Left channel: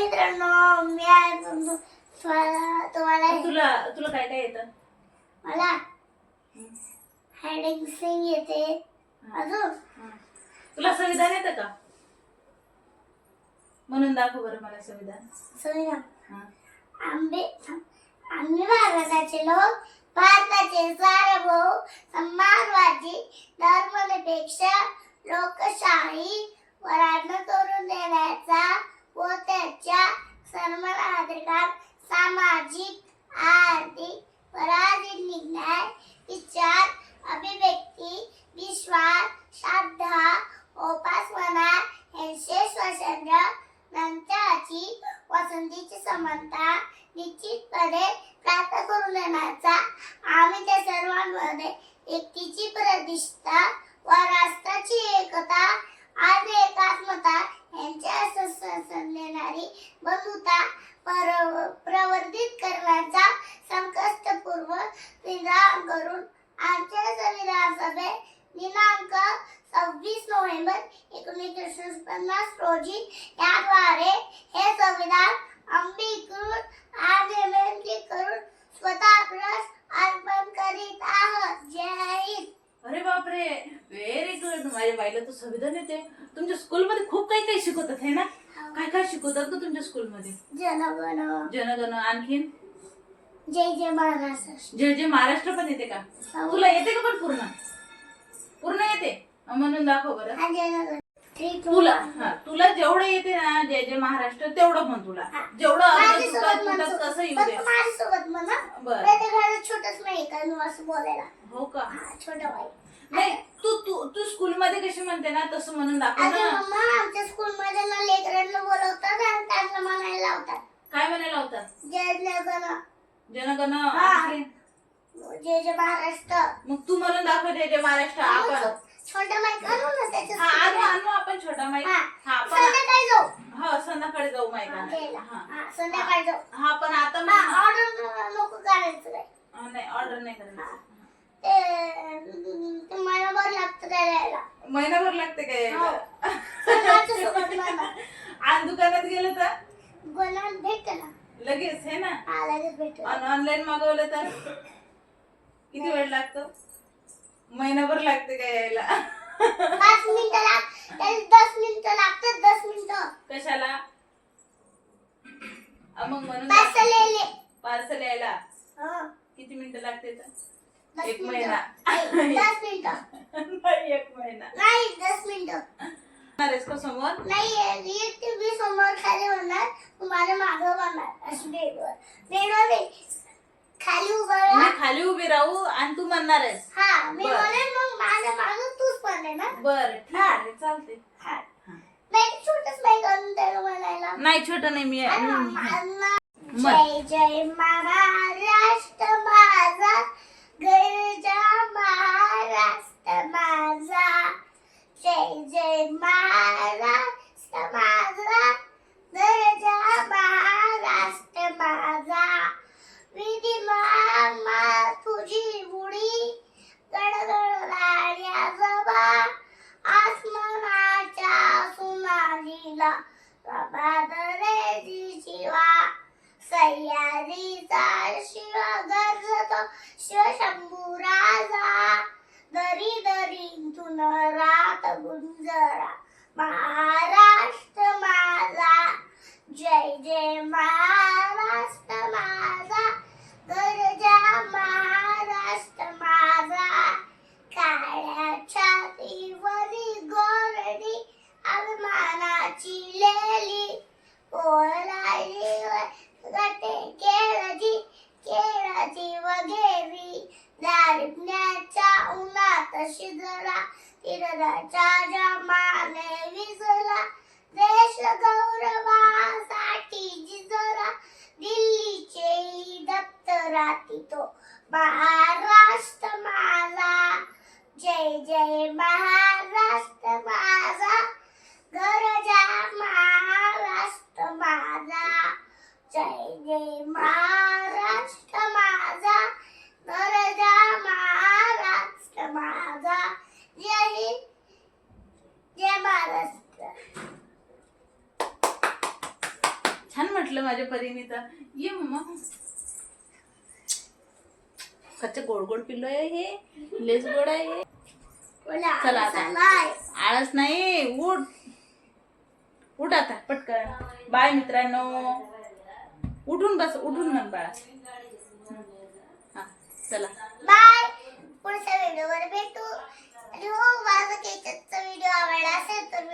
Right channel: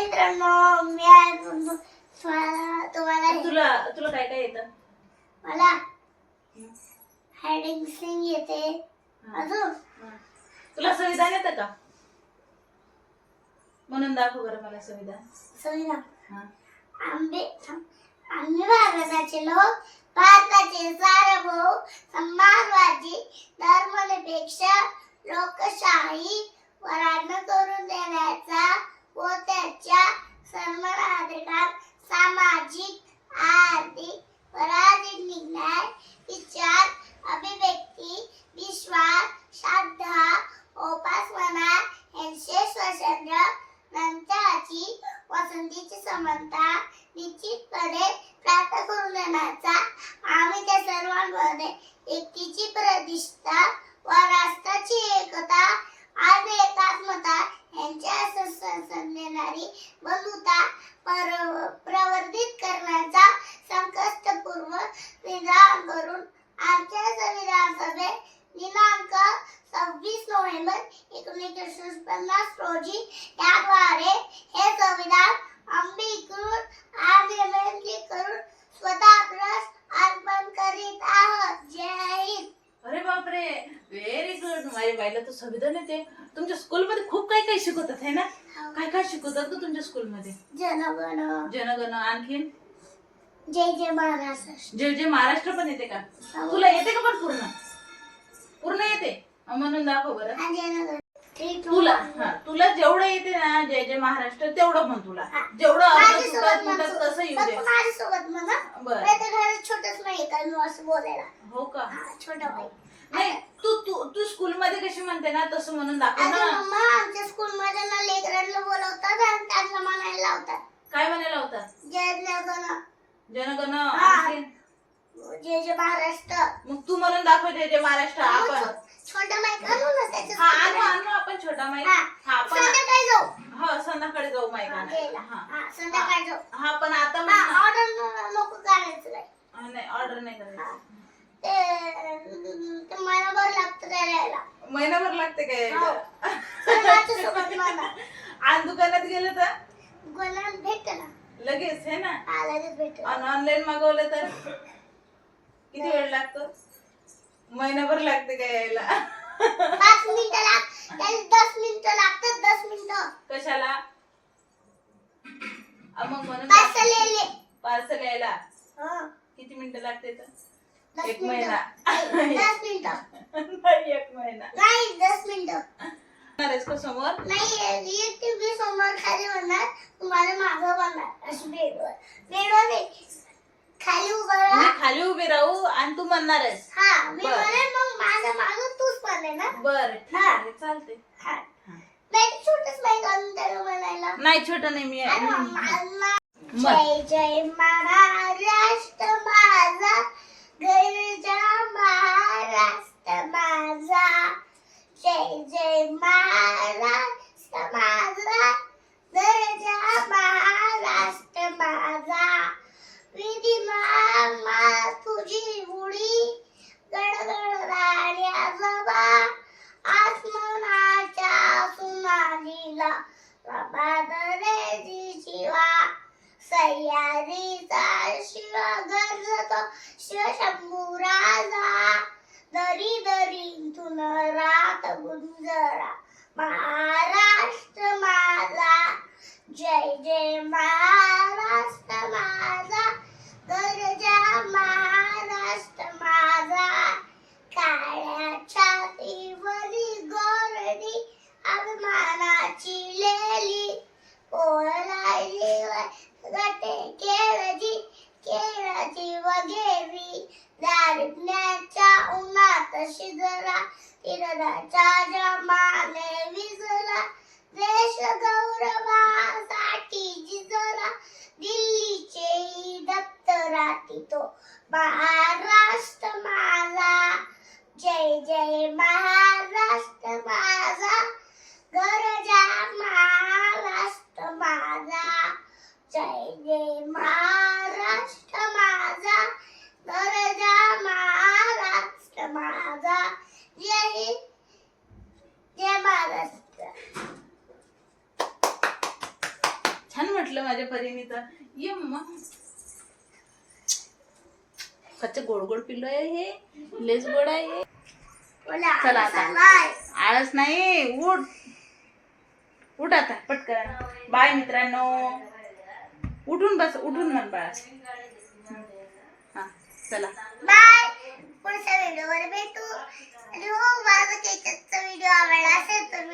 मित्रांनो, मी आज तुम्हाला तुला तुला काय काय येतं? मला हायडिंग सिंग येते. अजून तुला संविधान येतं का? म्हणून दाखव बरं मला संविधान. संविधान. आम्ही भारताचे लोक, भारताचे सार्वभौम समाजवादी धर्मनिरपेक्ष लोकशाही वराडण करून देण्याचा व त्याच्या सर्वाधिकार सामाजिक आर्थिक व राजनीतिक न्याय विचार अभिव्यक्ती विश्वास श्रद्धा उपासना यांचे स्वातंत्र्य नंतरची वसंतीची समानता निश्चितपणे प्राप्त करून देण्याचा आम्ही त्या सर्वांमध्ये एकतेची प्रतिष्ठा व राष्ट्राची एकता आणि एकात्मता यांच्या संदेणारी बंधुता प्रवर्धित करण्याचा संकल्पपूर्वक निर्धार करून आमच्या संविधान सभेत दिनांक 26 नोव्हेंबर 1950 रोजी याद्वारे हे संविधान अंगीकृत आणि अमेंडमेंट करून स्वतःप्रस अर्पण करीत आहोत. जय हिंद. अरे बापरे, व्हेरी गुड. माझ्या बाईला तर संविधान येते. तुमच्या स्कूलमध्ये खूप काही काही शिकवतात आहे ना? काय काय शिकवतात ग तुमच्या स्कूलमध्ये? जनगण जनगण, आणखीन जय जय महाराष्ट्र. जय जय महाराष्ट्र पण येते का? तुला येते का? पण पूर्ण पूर्ण येते? म्हणून दाखव बरं. जनगण तुला जेवढं येते ना जय जय महाराष्ट्र तेवढं म्हण. तुला जेवढं तसं येऊ दे. माझ्यासोबत म्हणा. बरं. घरात छोटच नाही का मी असं बोलायला. हो का? छोटा बाई. नाही, तू तू तू स्कूल मध्ये कशी म्हणते ना तसं म्हणून दाखव ना. मम्मा, आमच्या स्कूल मध्ये ना लेकरांना बोलवतात आणि त्यांना म्हणायला लावतात. काय म्हणायला होता? जय जनगण. जनगण, आणखीन जय जय महाराष्ट्र. मग तू म्हणून दाखव जय जय महाराष्ट्र. आपण छोटा माईक आणू ना त्याच्या. आणू आपण छोटा माईक. संध्याकाळी जाऊ. हा, संध्याकाळी जाऊ माईक. संध्याकाळी जाऊ. हा, पण आता ऑर्डर नको करायचं नाही, ऑर्डर नाही करायचं. ते महिनाभर लागतं द्यायला. महिनाभर लागते काय? माझ्यासोबत आणि दुकानात गेलं तर गोलान भेटतं ना लगेच आहे ना? लगेच भेटतं. आणि ऑनलाईन मागवलं तर किती वेळ लागतो? महिनाभर लागते काय यायला? 5 मिनिटं लागतात. 10 मिनिटं लागतात. 10 मिनिटं कशाला? मग म्हणून पार्सल यायला किती मिनिटं लागते? 1 महिना. 10 मिनिटं नाही, 1 महिना नाही. 10 मिनिटं का समोर? नाही, टीव्ही समोर खाली होणार. तुम्हाला मागं बनणार. अशी बेडवर खाली उभं राहा. मी खाली उभी राहू आणि तू म्हणणार आहेस? हा, मी म्हणेन मग माझ्या मागं तूच पण ना. बरं, ठीक आहे, चालते. छोटच माईक आणून त्याला म्हणायला. नाही, छोटा नाही. मी जय जय महाराष्ट्र माझा, गरजा महाराष्ट्र माझा. जय जय महाराष्ट्र माझा, गरजा महाराष्ट्र माझा. विधिमा तुझी उडी, गडगड राण्या जबा, आसमानाच्या सुनालीला प्रभात रे शिवा. सह्याद्रीचा शिव गरजतो शिवशंभू राजा, दरी दरीतून रात गुंजरा महाराष्ट्र माझा. जय जय महाराष्ट्र माझा, गरजा महाराष्ट्र माझा. काळ्या छातीवरी गोरडी अभिमानाची लेली, ओळाई गटे केळाची वगैरी. दारिद्र्याच्या उन्हात शिजला, तिरदाच्या जमाने विजला. देश गौरवासाठी जिजला, दिल्लीचे दप्तराती तो महाराष्ट्र माझा. जय जय महाराष्ट्र माझा, गरजा महाराष्ट्र माझा. जय जय महाराष्ट्र माझा, गरजा महाराष्ट्र माझा. जय हिंद. जय महाराष्ट्र. छान म्हटलं माझ्या परीने तर. ये मम्मा. कच्चं गोड गोड पिल्लो आहे हे, लेस गोड आहे हे. बोला चला आता. बाय. आळस नाही, उठ उठ आता पटकन. बाय मित्रांनो. उठून बस, उठून म्हण बाळा. हा चला बाय. पुढच्या व्हिडिओवर भेटू. आणि हो, माझा केचचा व्हिडिओ आवडला असेल तर